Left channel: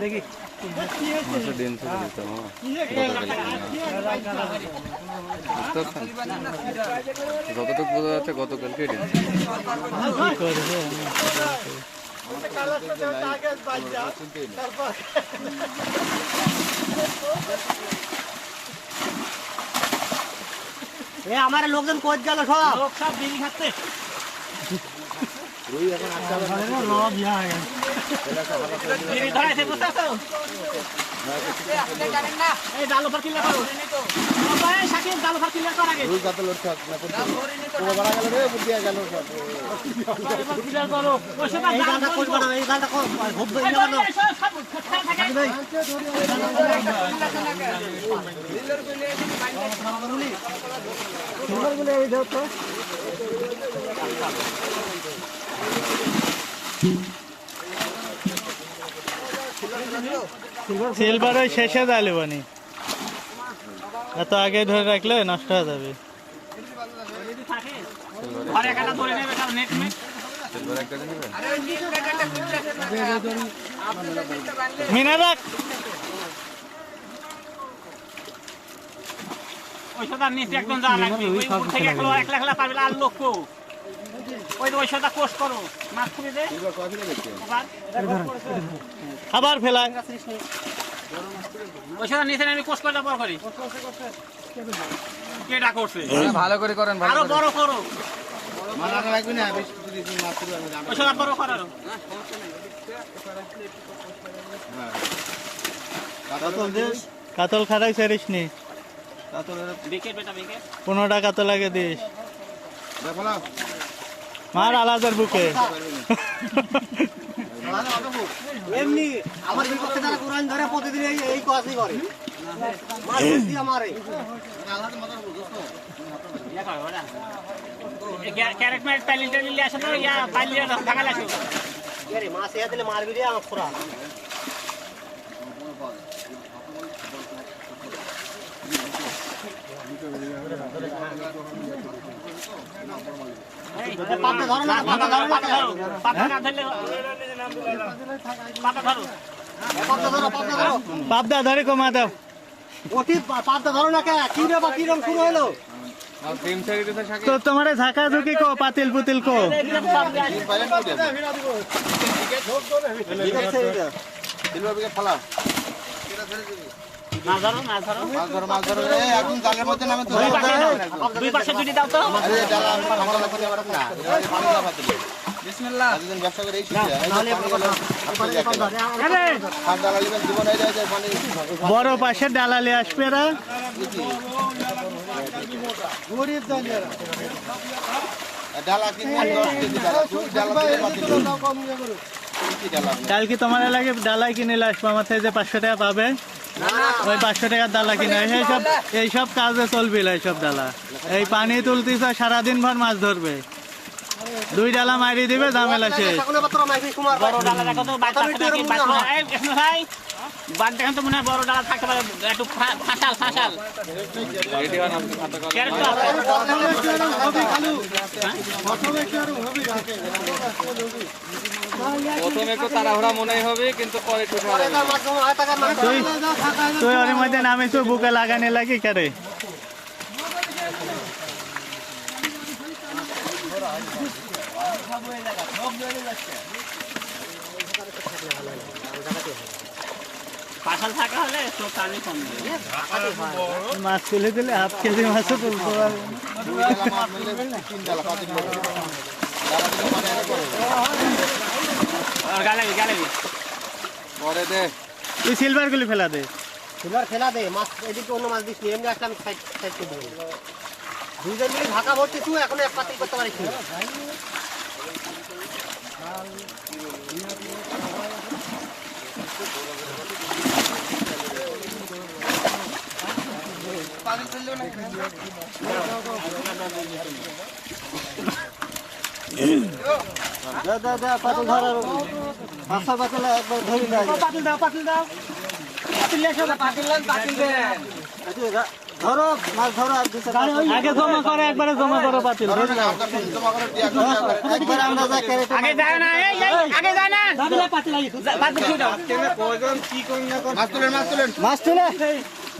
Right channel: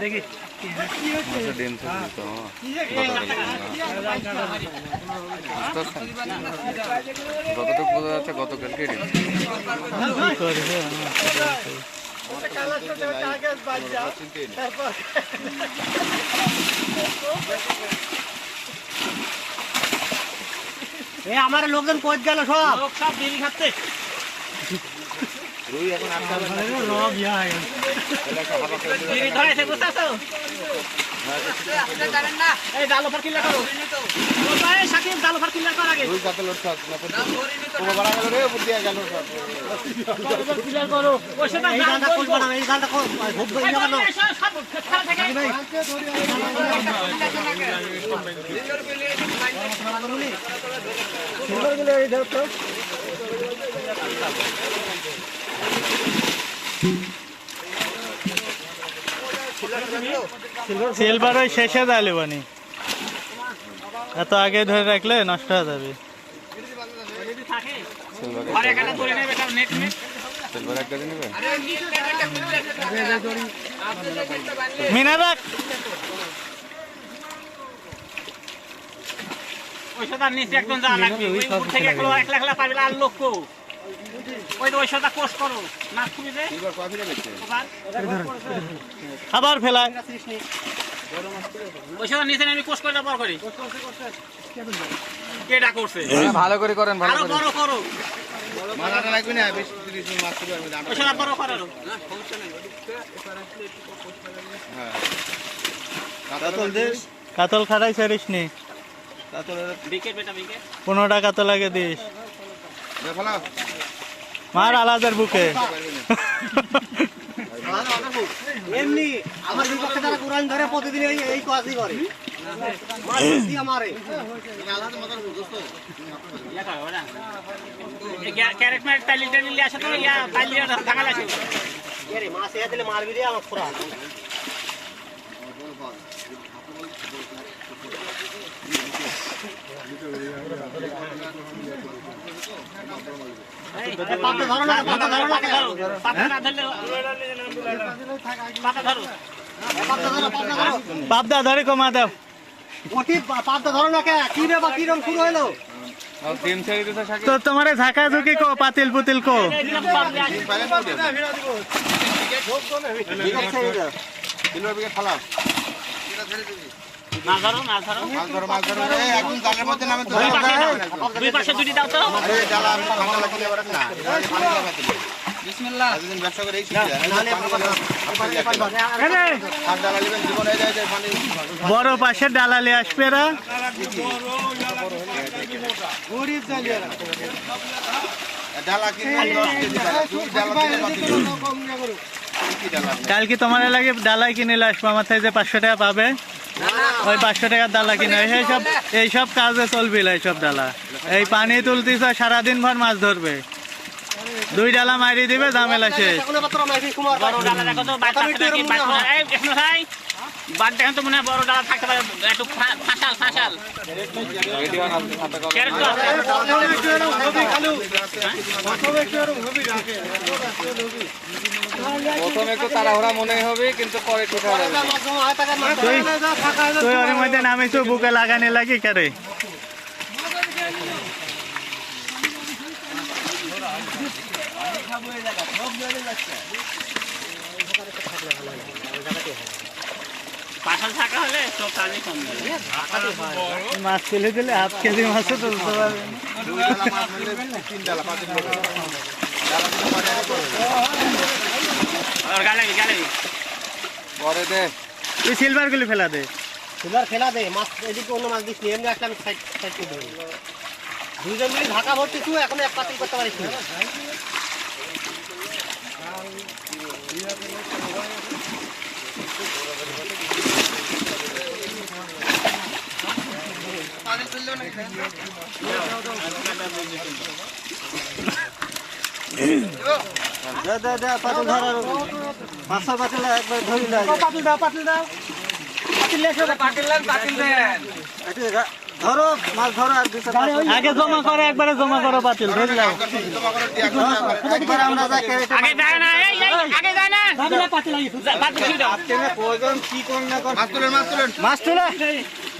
দেখি ডিম থেকে তো যতটুকু বোঝা যাচ্ছে গতকালকে ডিম করবে আমার লোকজন কোচ গেল সব লোক সব বিড়ি খাচ্ছে সিলভার ওই শেষে দাঁড়ালে বানি এত আগে ধরে রাখলে নষ্ট হয়ে যাবে মিনা রাখ আবার ফেলায় ভালো করে করেন কাতল খারাই ছাড়িস নি 15টা কাতল আগে দিস মার আলাদার বুকে এমনি আমার বিপক্ষে যারা কোরআন ধরে প্রতিদিন এই কাজই করে আমারে মাছ এ দিলে মারবি রে আমার খোরা পাবদা ধরে কমা দাও পাবদা ধরো না কে কি রে বা কি রং শুরু হলো তো তোমার ঝাঁকা ঝুঁকি কো পাতিল পুতিল কো বড় পাশে ডালালে আসবে রা কালকে তোমার লাগে ডালাই কিনে আসবো আমার থেকে যে 500 টাকা পাবে ওই 500 টাকার ডালা কিনে এইসব কাজে চলবে এইসব ডালা এই পানি তুলতেছ সারাদিন ভর মাছ ধরবে 2 ডালা মারি দিবে ঝামেলা শেষ বড় ডালা থাকতে পারে একটু ফাঁসাল প্রথমে একটু তাড়াহুড়া মনে হবে কিন্তু পরে তুই ওর মধ্যে নামিস বুকে লাগানে লাগি কেরে মাছ ফেলে দিলে হাফ কেজি মাছও তুলতে পারবে তুই সিলভার গুলি ফেলা দে মাছ এদিকে অন্য মাছ দিস এমনি আসলে আমি সাইড করে দেবো দুইজন মিলে ঢাকা ভর্তি তুই এখন এক পাতিল করতে পারিস পাতিল ধরার মাছ পাতিল একবার ধরি না পাতিল দাও ধরো মাছ ধরো আর দুটো আগে জমা করো, একবারে জমা করো পাতিল। একবার আমরা যা আগে যায় না, এই আগে যায় না। মাছ তুলো।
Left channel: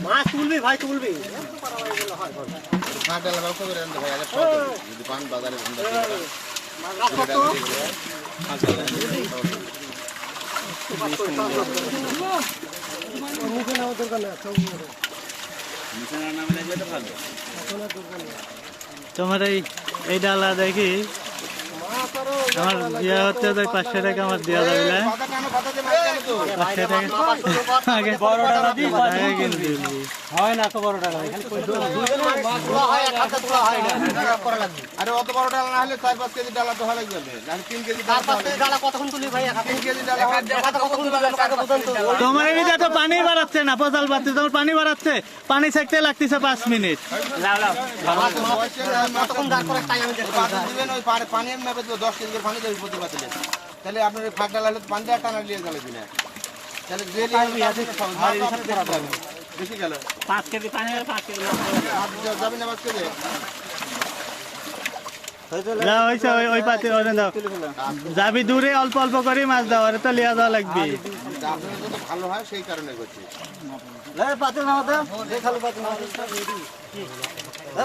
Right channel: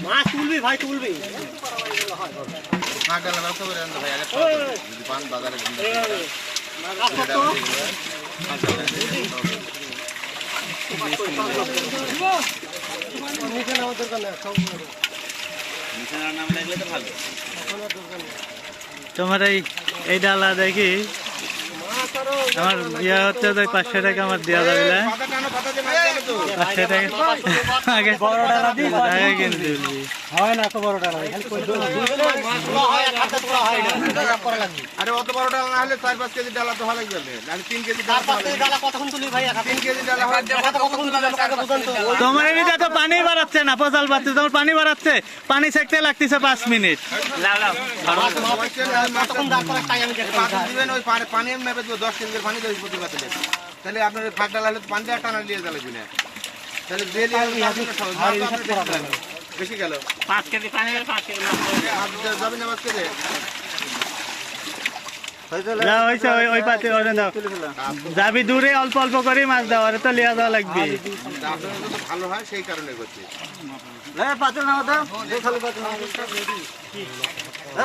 মাছ তুলবি ভাই তুলবি তোমার এই ডালা দেখি আমার ইয়ে হচ্ছে যে 500 টাকা আমার দেওয়া যাবে না? 500 টাকা আগে আগে কিন্তু তুলবি। আরে অত বড় ডাল না হলে 4-5 কেজি ডালা তো ভালোই যাবে, আর 3 কেজি তার পাশ থেকে ডালা কতক্ষণ তুলি ভাই? 3 কেজি ডালা হয় কতক্ষণ তুলি আমাকে আগে বুঝান তো। তোমার এদিকে তো পানি বাড়াচ্ছে না, পচাল বাড়ছে, তোমার পানি বাড়াচ্ছে, পানি সেকতে লাগতেছে 5 মিনিট। কতক্ষণ দাঁড় করার টাইম আমি দেখতে পানি দিবেন, ওই পানি আমি মেপে দেবো 10 কেজির পানি দেবো প্রতি পাতিলে। তাহলে আপনার ফাঁক ডাল হলে পানিটা টানা নিয়ে গেল কিনা, তাহলে দিয়ে বেশি গেল 5 কেজি পানি আর 5 কেজি যাবে না 5 কেজি। না হয়েছে, ওই পাতি ওরে দাও, যাবি দূরে অল্প অল্প করে মাছ দাও, আরে তো লিয়া দেওয়া লাগবে। আপনার তো ভালো হয় সেই কারণে করছি। পাতুল নাও তো দেখালো পাতুল নাও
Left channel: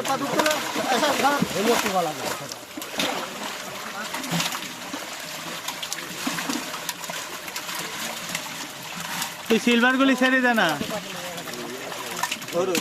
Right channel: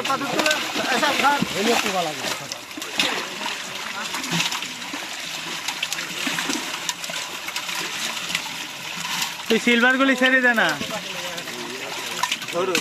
পাতুল তুলে এসা ধর হেলিও কি ভালো লাগে। তুই সিলভার গুলি ছেড়ে দে না। ধরো